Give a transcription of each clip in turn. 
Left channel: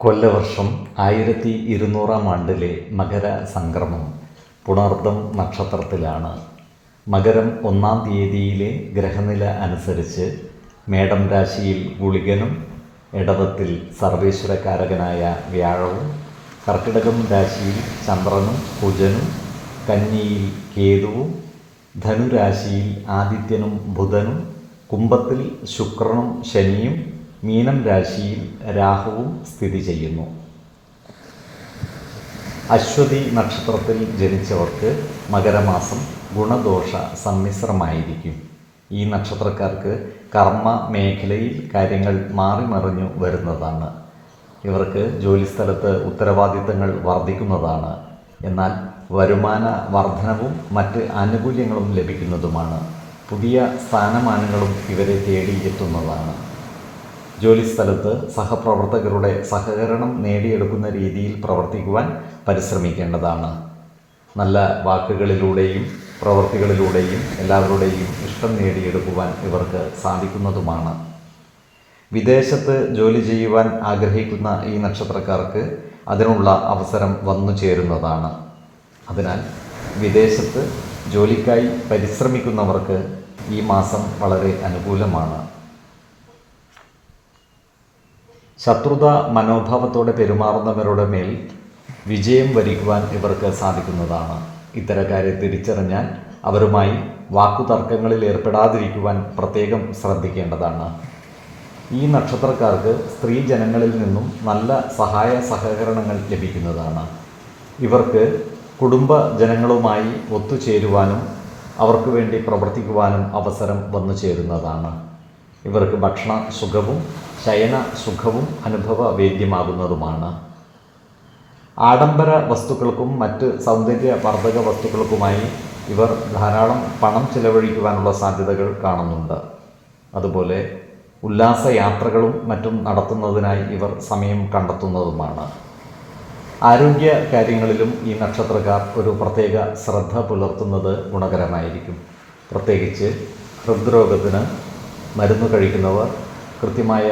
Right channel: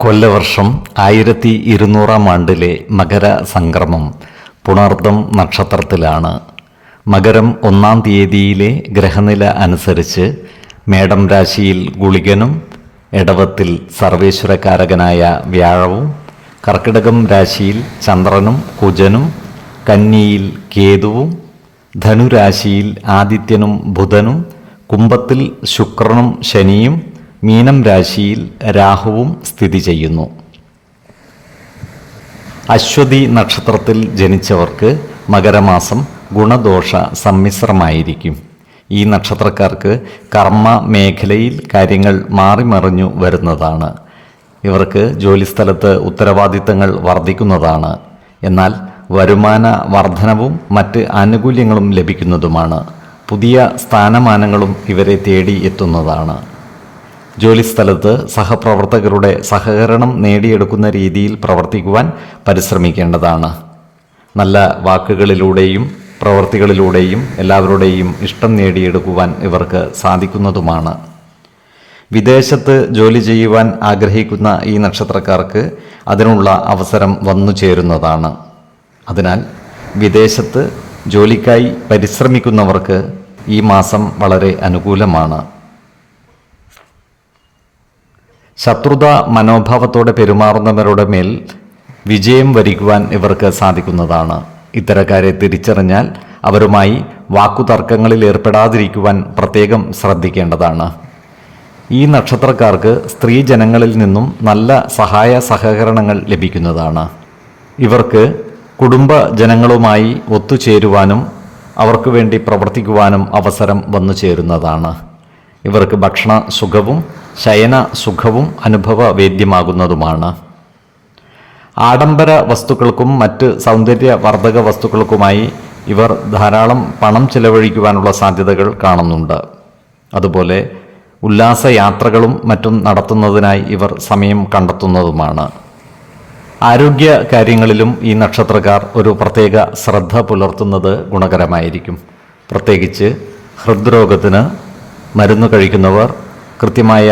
കൊല്ലവർഷം ആയിരത്തി ഇരുന്നൂറാം ആണ്ടിലെ മകര സംക്രമം പുണർദം നക്ഷത്രത്തിലാണ്. മകരം ഒന്നാം തീയതിയിലെ ഗ്രഹനില അനുസരിച്ച് മേടം രാശിയിൽ ഗുളികനും ഇടവത്തിൽ സർവേശ്വരകാരകനായ വ്യാഴവും കർക്കിടകം രാശിയിൽ ചന്ദ്രനും കുജനും കന്നിയിൽ കേതുവും ധനുരാശിയിൽ ആദിത്യനും ബുധനും കുംഭത്തിൽ ശുക്രനും ശനിയും മീനം രാശിയിൽ രാഹുവും സ്ഥിതി ചെയ്യുന്നു. അശ്വതി നക്ഷത്രത്തിൽ ജനിച്ചവർക്ക് മകരമാസം ഗുണദോഷ സമ്മിശ്രമായിരിക്കും. ഈ നക്ഷത്രക്കാർക്ക് കർമ്മ മേഖലയിൽ കാര്യങ്ങൾ മാറിമറിഞ്ഞു വരുന്നതാണ്. ഇവർക്ക് ജോലിസ്ഥലത്ത് ഉത്തരവാദിത്തങ്ങൾ വർദ്ധിക്കുന്നതാണ്. എന്നാൽ വരുമാന വർധനവും മറ്റ് ആനുകൂല്യങ്ങളും ലഭിക്കുന്നതുമാണ്. പുതിയ സ്ഥാനമാനങ്ങളും ഇവരെ തേടി എത്തുന്നതാണ്. ജോലിസ്ഥലത്ത് സഹപ്രവർത്തകരുടെ സഹകരണം നേടിയെടുക്കുന്ന രീതിയിൽ പ്രവർത്തിക്കുവാൻ പരിശ്രമിക്കേണ്ടതാണ്. നല്ല വാക്കുകളിലൂടെയും പ്രവൃത്തികളിലൂടെയും എല്ലാവരുടെയും ഇഷ്ടം നേടിയെടുക്കുവാൻ ഇവർക്ക് സാധിക്കുന്നതുമാണ്. വിദേശത്ത് ജോലി ചെയ്യുവാൻ ആഗ്രഹിക്കുന്ന ഈ നക്ഷത്രക്കാർക്ക് അതിനുള്ള അവസരം വന്നു ചേരുന്നതാണ്. അതിനാൽ വിദേശത്ത് ജോലിക്കായി പരിശ്രമിക്കുന്നവർക്ക് ഈ മാസം വളരെ അനുകൂലമാണ്. ശത്രുത മനോഭാവത്തോടെ പെരുമാറുന്നവരുടെ മേൽ വിജയം വരിക്കുവാൻ ഇവർക്ക് സാധിക്കുന്നതാണ്. ഇത്തരക്കാരെ തിരിച്ചറിഞ്ഞാൽ അവരുമായി വാക്കുതർക്കങ്ങളിൽ ഏർപ്പെടാതിരിക്കുവാൻ പ്രത്യേകം ശ്രദ്ധിക്കേണ്ടതാണ്. ഈ നക്ഷത്രക്കാർക്ക് സ്ത്രീ ജനങ്ങളിൽ നിന്നും നല്ല സഹായ സഹകരണങ്ങൾ ലഭിക്കുന്നതാണ്. ഇവർക്ക് കുടുംബ ജനങ്ങളുമായി ഒത്തുചേരുവാനും അവർക്ക് വേണ്ടി പ്രവർത്തിക്കുവാനും അവസരം വന്നു ചേരുന്നതാണ് ഇവർക്ക് ഭക്ഷണ സുഖവും ശയന സുഖവും അനുഭവവേദ്യമാകുന്നതുമാണ് ആഡംബര വസ്തുക്കൾക്കും മറ്റ് സൗന്ദര്യവർദ്ധക വസ്തുക്കൾക്കുമായി ഇവർ ധാരാളം പണം ചെലവഴിക്കുവാനുള്ള സാധ്യതകൾ കാണുന്നുണ്ട്. അതുപോലെ ഉല്ലാസയാത്രകളും മറ്റും നടത്തുന്നതിനായി ഇവർ സമയം കണ്ടെത്തുന്നതുമാണ്. ആരോഗ്യ കാര്യങ്ങളിലും ഈ നക്ഷത്രക്കാർ ഒരു പ്രത്യേക ശ്രദ്ധ പുലർത്തുന്നത് ഗുണകരമായിരിക്കും. പ്രത്യേകിച്ച് ഹൃദ്രോഗത്തിന് മരുന്ന് കഴിക്കുന്നവർ കൃത്യമായ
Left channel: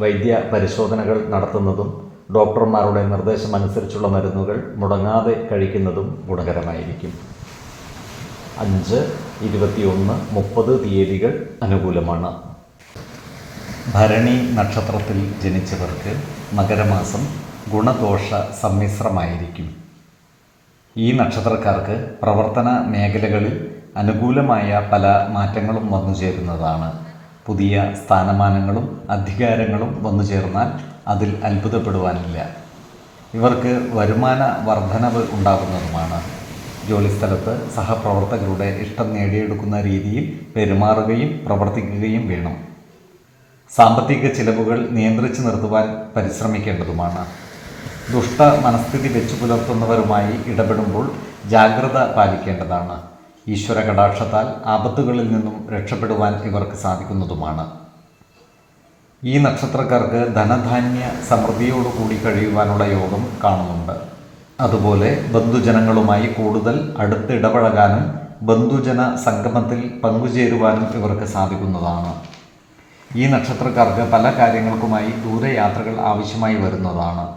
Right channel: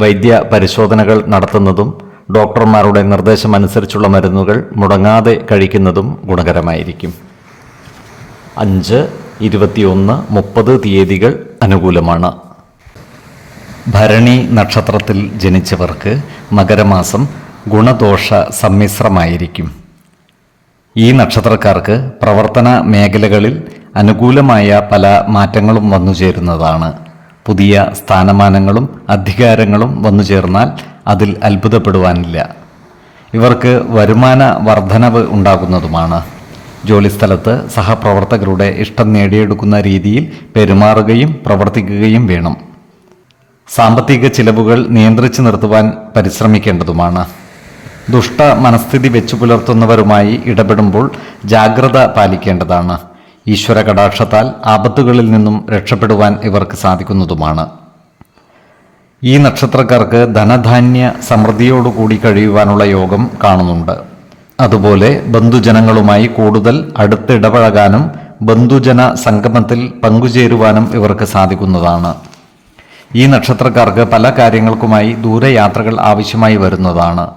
വൈദ്യ പരിശോധനകൾ നടത്തുന്നതും ഡോക്ടർമാരുടെ നിർദ്ദേശമനുസരിച്ചുള്ള മരുന്നുകൾ മുടങ്ങാതെ കഴിക്കുന്നതും ഗുണകരമായിരിക്കും. അഞ്ച് ഇരുപത്തിയൊന്ന് മുപ്പത് തീയതികൾ അനുകൂലമാണ്. ഭരണി നക്ഷത്രത്തിൽ ജനിച്ചവർക്ക് മകരമാസം ഗുണദോഷ സമ്മിശ്രമായിരിക്കും. ഈ നക്ഷത്രക്കാർക്ക് പ്രവർത്തന മേഖലകളിൽ അനുകൂലമായ പല മാറ്റങ്ങളും വന്നു ചേരുന്നതാണ് പുതിയ സ്ഥാനമാനങ്ങളും അധികാരങ്ങളും വന്നു ചേർന്നാൽ അതിൽ അത്ഭുതപ്പെടുവാനില്ല. ഇവർക്ക് വരുമാന വർധനവ് ഉണ്ടാകുന്നതുമാണ്. ജോലിസ്ഥലത്ത് സഹപ്രവർത്തകരുടെ ഇഷ്ടം നേടിയെടുക്കുന്ന രീതിയിൽ പെരുമാറുകയും പ്രവർത്തിക്കുകയും വേണം. സാമ്പത്തിക ചിലവുകൾ നിയന്ത്രിച്ചു നിർത്തുവാൻ പരിശ്രമിക്കേണ്ടതുമാണ്. ദുഷ്ട മനസ്ഥിതി വെച്ചു പുലർത്തുന്നവരുമായി ഇടപെടുമ്പോൾ ജാഗ്രത പാലിക്കേണ്ടതാണ്. ഈശ്വര കടാക്ഷത്താൽ ആപത്തുകളിൽ നിന്നും രക്ഷപ്പെടുവാൻ ഇവർക്ക് സാധിക്കുന്നതുമാണ്. ഈ നക്ഷത്രക്കാർക്ക് ധനധാന്യ സമൃദ്ധിയോടുകൂടി കഴിയുവാനുള്ള യോഗം കാണുന്നുണ്ട്. അതുപോലെ ബന്ധുജനങ്ങളുമായി കൂടുതൽ അടുത്തിടപഴകാനും ബന്ധുജന സംഗമത്തിൽ പങ്കുചേരുവാനും ഇവർക്ക് സാധിക്കുന്നതാണ്. ഈ നക്ഷത്രക്കാർക്ക് പല കാര്യങ്ങൾക്കുമായി ദൂരയാത്രകൾ ആവശ്യമായി വരുന്നതാണ്.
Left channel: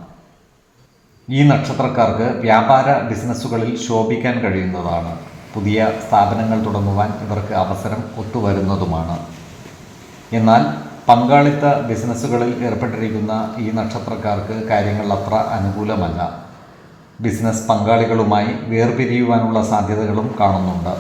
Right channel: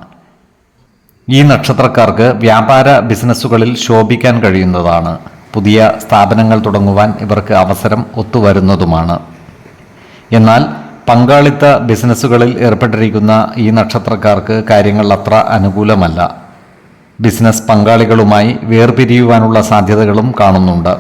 ഈ നക്ഷത്രക്കാർക്ക് വ്യാപാര ബിസിനസ്സുകളിൽ ശോഭിക്കാൻ കഴിയുന്നതാണ്. പുതിയ സ്ഥാപനങ്ങൾ തുടങ്ങുവാൻ ഇവർക്ക് അവസരം ഒത്തുവരുന്നതുമാണ്. എന്നാൽ പങ്കാളിത്ത ബിസിനസ്സുകളിൽ ഏർപ്പെട്ടിരിക്കുന്ന ഈ നക്ഷത്രക്കാർക്ക് കാര്യങ്ങൾ അത്ര അനുകൂലമല്ല. ബിസിനസ് പങ്കാളികളുമായി വേർപിരിയുവാനുള്ള സാധ്യതകളും കാണുന്നുണ്ട്.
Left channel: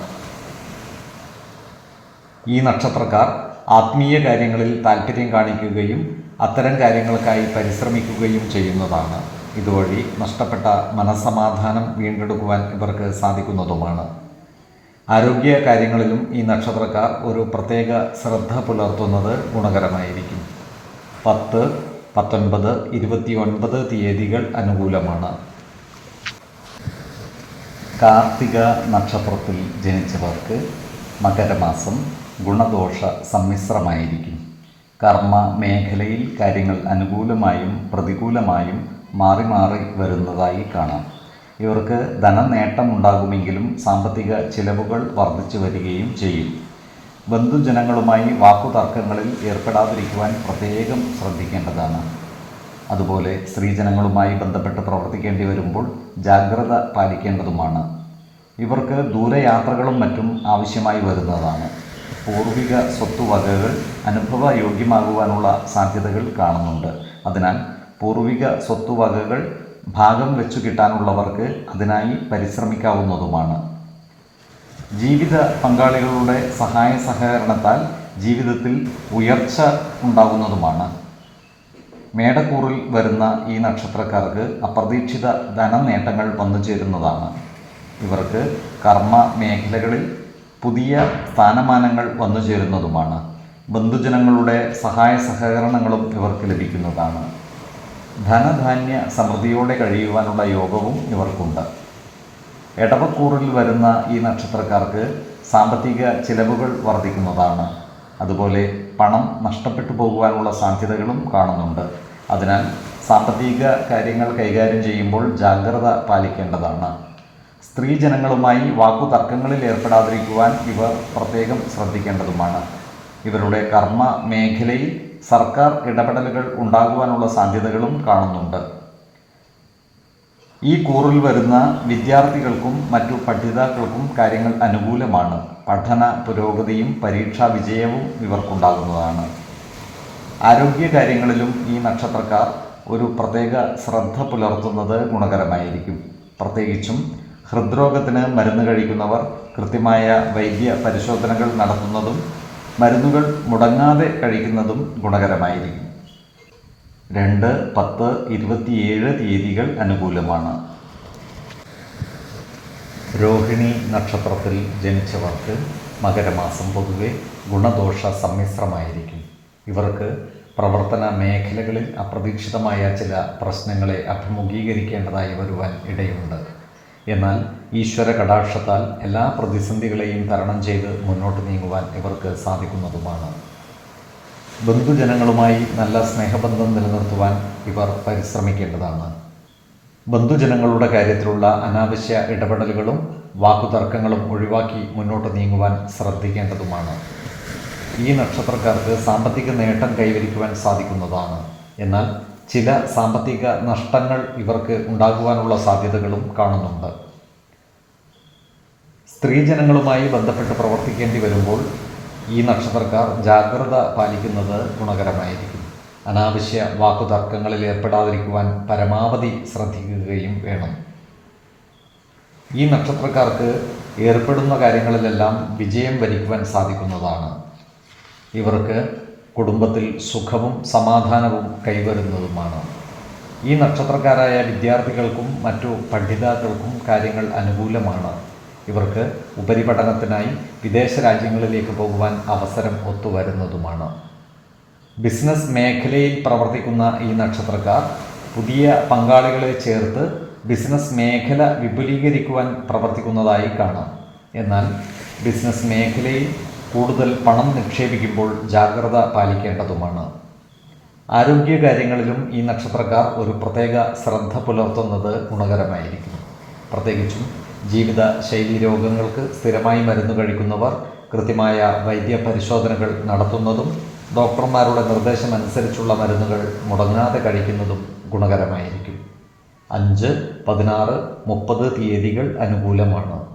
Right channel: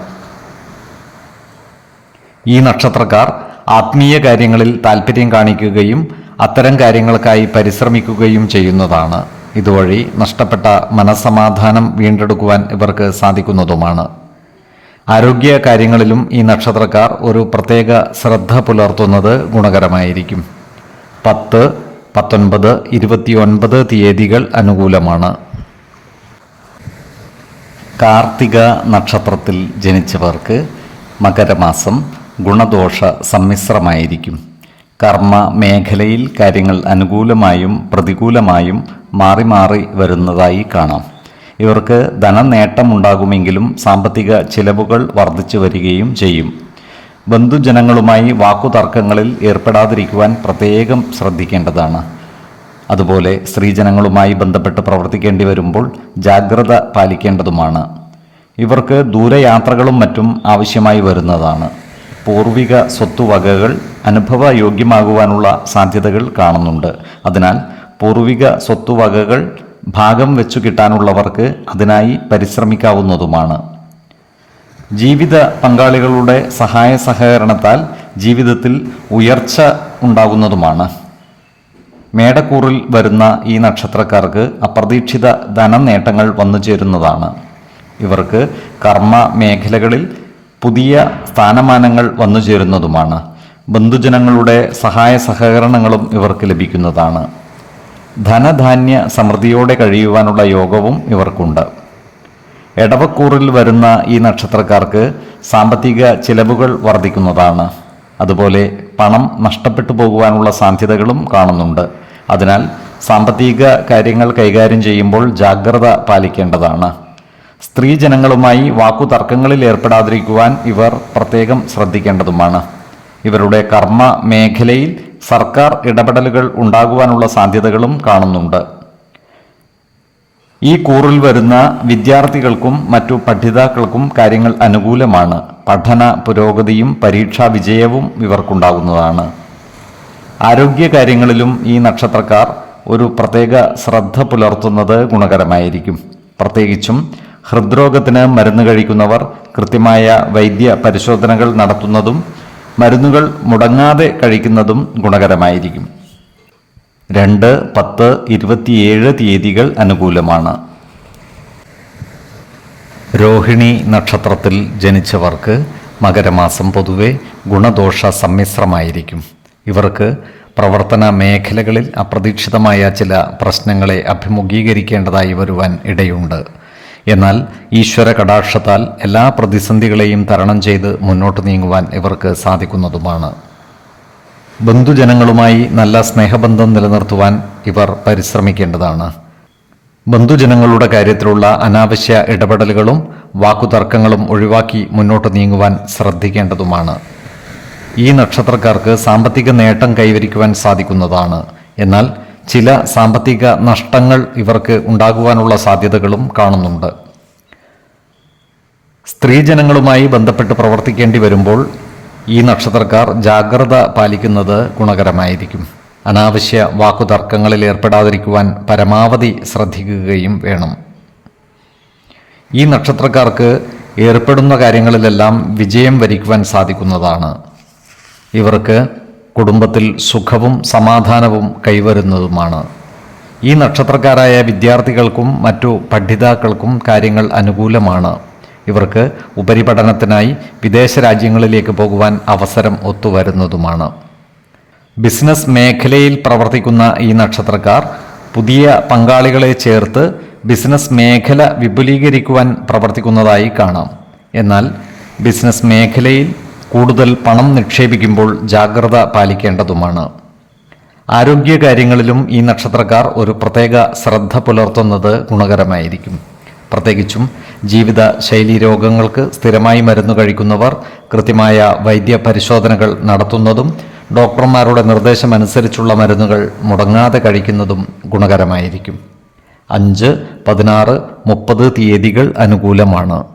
ഈ നക്ഷത്രക്കാർ ആത്മീയ കാര്യങ്ങളിൽ താല്പര്യം കാണിക്കുകയും അത്തരം കാര്യങ്ങൾക്കായി പരിശ്രമിക്കുകയും ചെയ്യുന്നതാണ്. ഇതുവഴി നഷ്ടപ്പെട്ട മനസ്സമാധാനം വീണ്ടെടുക്കുവാൻ ഇവർക്ക് സാധിക്കുന്നതുമാണ്. ആരോഗ്യ കാര്യങ്ങളിലും ഈ നക്ഷത്രക്കാർ ഒരു പ്രത്യേക ശ്രദ്ധ പുലർത്തുന്നത് ഗുണകരമായിരിക്കും. പത്ത് പത്തൊൻപത് ഇരുപത്തിയൊൻപത് തീയതികൾ അനുകൂലമാണ്. കാർത്തിക നക്ഷത്രത്തിൽ ജനിച്ചവർക്ക് മകരമാസം ഗുണദോഷ സമ്മിശ്രമായിരിക്കും. കർമ്മ മേഖലയിൽ കാര്യങ്ങൾ അനുകൂലമായും പ്രതികൂലമായും മാറി മാറി വരുന്നതായി കാണാം. ഇവർക്ക് ധനനേട്ടമുണ്ടാകുമെങ്കിലും സാമ്പത്തിക ചിലവുകൾ വർദ്ധിച്ചു വരികയും ചെയ്യും. ബന്ധുജനങ്ങളുമായി വാക്കുതർക്കങ്ങളിൽ ഏർപ്പെടാതിരിക്കുവാൻ പ്രത്യേകം ശ്രദ്ധിക്കേണ്ടതാണ്. അതുപോലെ സ്ത്രീജനങ്ങളുമായി ബന്ധപ്പെട്ട് പ്രവർത്തിക്കേണ്ടി വരുമ്പോൾ ജാഗ്രത പാലിക്കേണ്ടതുമാണ്. ഇവർക്ക് ദൂരയാത്രകളും മറ്റും ആവശ്യമായി വരുന്നതാണ്. പൂർവിക സ്വത്തുവകകൾ അനുഭവയോഗ്യമാകുവാനുള്ള സാധ്യതകൾ കാണുന്നുണ്ട്. അതിനാൽ പൂർവിക സ്വത്തുവകകൾ ഭാഗം വെച്ചു കിട്ടാനുള്ളവർക്ക് അതിനായി പരിശ്രമിക്കാവുന്നതുമാണ്. ജീവിത പങ്കാളികളുടെ സഹായ സഹകരണത്താൽ ജീവിതത്തിൽ ഉയർച്ച ഉണ്ടാകുന്നതുമാണ്. മേടക്കൂറിൽ വരുന്ന ഈ നക്ഷത്രക്കാർക്ക് അപ്രതീക്ഷിത ധനനേട്ടങ്ങൾ വന്നു ചേരുന്നതാണ്. ഇവർക്ക് കർമ്മ മേഖലകളിൽ പുതിയ സ്ഥാനമാനങ്ങൾ വന്നു ചേരുന്നതുമാണ്. ബന്ധുജനങ്ങളുടെ സഹായ സഹകരണങ്ങളും ഇവർക്ക് ലഭിക്കുന്നതാണ്. ധനധാന്യ സമൃദ്ധിയോടെ കഴിയുവാനുള്ള യോഗവും ഇവർക്കുണ്ട്. എടവക്കൂറിൽ വരുന്ന ഈ നക്ഷത്രക്കാർക്ക് സാമ്പത്തിക ചിലവുകൾ വർദ്ധിക്കുന്നതാണ്. അതുപോലെ പണം നഷ്ടപ്പെട്ടു പോകുവാനുള്ള സാധ്യതകളും കാണുന്നുണ്ട്. അതിനാൽ സാമ്പത്തിക കാര്യങ്ങൾ കൈകാര്യം ചെയ്യുമ്പോൾ ജാഗ്രത പാലിക്കേണ്ടതാണ്. സ്ത്രീജനങ്ങളുമായി വാക്കുതർക്കങ്ങളിൽ ഏർപ്പെടാതിരിക്കുവാൻ ഇവർ പ്രത്യേകം ശ്രദ്ധിക്കേണ്ടതുമാണ്. ഇവരുടെ കർമ്മ മേഖലയിൽ സർക്കാർ ഇടപെടലുകൾ ഉണ്ടാകുവാനുള്ള സാധ്യതകളും കാണുന്നുണ്ട്. ഈ കൂറിൽ വരുന്ന വിദ്യാർത്ഥികൾക്കും മറ്റു പഠിതാക്കൾക്കും കാര്യങ്ങൾ അനുകൂലമാണ്. പഠന പുരോഗതിയും പരീക്ഷാ വിജയവും ഇവർക്കുണ്ടാകുന്നതാണ്. ആരോഗ്യ കാര്യങ്ങളിലും ഈ നക്ഷത്രക്കാർ ഒരു പ്രത്യേക ശ്രദ്ധ പുലർത്തുന്നത് ഗുണകരമായിരിക്കും. പ്രത്യേകിച്ചും ഹൃദ്രോഗത്തിന് മരുന്ന് കഴിക്കുന്നവർ കൃത്യമായ വൈദ്യ പരിശോധനകൾ നടത്തുന്നതും മരുന്നുകൾ മുടങ്ങാതെ കഴിക്കുന്നതും ഗുണകരമായിരിക്കും. രണ്ട് പത്ത് ഇരുപത്തിയേഴ് തീയതികൾ അനുകൂലമാണ്. രോഹിണി നക്ഷത്രത്തിൽ ജനിച്ചവർക്ക് മകരമാസം പൊതുവെ ഗുണദോഷ സമ്മിശ്രമായിരിക്കും. ഇവർക്ക് പ്രവർത്തന മേഖലകളിൽ അപ്രതീക്ഷിതമായ ചില പ്രശ്നങ്ങളെ അഭിമുഖീകരിക്കേണ്ടതായി വരുവാൻ ഇടയുണ്ട്. എന്നാൽ ഈശ്വര കടാക്ഷത്താൽ എല്ലാ പ്രതിസന്ധികളെയും തരണം ചെയ്ത് മുന്നോട്ട് നീങ്ങുവാൻ ഇവർക്ക് സാധിക്കുന്നതുമാണ്. ബന്ധുജനങ്ങളുമായി നല്ല സ്നേഹബന്ധം നിലനിർത്തുവാൻ ഇവർ പരിശ്രമിക്കേണ്ടതാണ്. ബന്ധുജനങ്ങളുടെ കാര്യത്തിലുള്ള അനാവശ്യ ഇടപെടലുകളും വാക്കുതർക്കങ്ങളും ഒഴിവാക്കി മുന്നോട്ട് നീങ്ങുവാൻ ശ്രദ്ധിക്കേണ്ടതുമാണ്. ഈ നക്ഷത്രക്കാർക്ക് സാമ്പത്തിക നേട്ടം കൈവരിക്കുവാൻ സാധിക്കുന്നതാണ്. എന്നാൽ ചില സാമ്പത്തിക നഷ്ടങ്ങൾ ഇവർക്ക് ഉണ്ടാകുവാനുള്ള സാധ്യതകളും കാണുന്നുണ്ട്. സ്ത്രീജനങ്ങളുമായി ബന്ധപ്പെട്ട് പ്രവർത്തിക്കേണ്ടി വരുമ്പോൾ ഈ നക്ഷത്രക്കാർ ജാഗ്രത പാലിക്കുന്നത് ഗുണകരമായിരിക്കും. അനാവശ്യ വാക്കുതർക്കങ്ങളിൽ ഏർപ്പെടാതിരിക്കുവാൻ പരമാവധി ശ്രദ്ധിക്കുകയും വേണം. ഈ നക്ഷത്രക്കാർക്ക് ഏർപ്പെടുന്ന കാര്യങ്ങളിലെല്ലാം വിജയം വരിക്കുവാൻ സാധിക്കുന്നതാണ്. ഇവർക്ക് കുടുംബത്തിൽ സുഖവും സമാധാനവും കൈവരുന്നതുമാണ്. ഈ നക്ഷത്രക്കാരായ വിദ്യാർത്ഥികൾക്കും മറ്റു പഠിതാക്കൾക്കും കാര്യങ്ങൾ അനുകൂലമാണ്. ഇവർക്ക് ഉപരിപഠനത്തിനായി വിദേശ രാജ്യങ്ങളിലേക്ക് പോകുവാൻ അവസരം ഒത്തുവരുന്നതുമാണ്. ബിസിനസ് മേഖലയിൽ പ്രവർത്തിക്കുന്ന ഈ നക്ഷത്രക്കാർ പുതിയ പങ്കാളികളെ ചേർത്ത് ബിസിനസ് മേഖല വിപുലീകരിക്കുവാൻ പ്രവർത്തിക്കുന്നതായി കാണാം. എന്നാൽ ബിസിനസ് മേഖലയിൽ കൂടുതൽ പണം നിക്ഷേപിക്കുമ്പോൾ ജാഗ്രത പാലിക്കേണ്ടതുമാണ്. ആരോഗ്യകാര്യങ്ങളിലും ഈ നക്ഷത്രക്കാർ ഒരു പ്രത്യേക ശ്രദ്ധ പുലർത്തുന്നത് ഗുണകരമായിരിക്കും. പ്രത്യേകിച്ചും ജീവിത ശൈലി രോഗങ്ങൾക്ക് സ്ഥിരമായി മരുന്ന് കഴിക്കുന്നവർ കൃത്യമായ വൈദ്യ പരിശോധനകൾ നടത്തുന്നതും ഡോക്ടർമാരുടെ നിർദ്ദേശമനുസരിച്ചുള്ള മരുന്നുകൾ മുടങ്ങാതെ കഴിക്കുന്നതും ഗുണകരമായിരിക്കും. അഞ്ച് പതിനാറ് മുപ്പത് തീയതികൾ അനുകൂലമാണ്.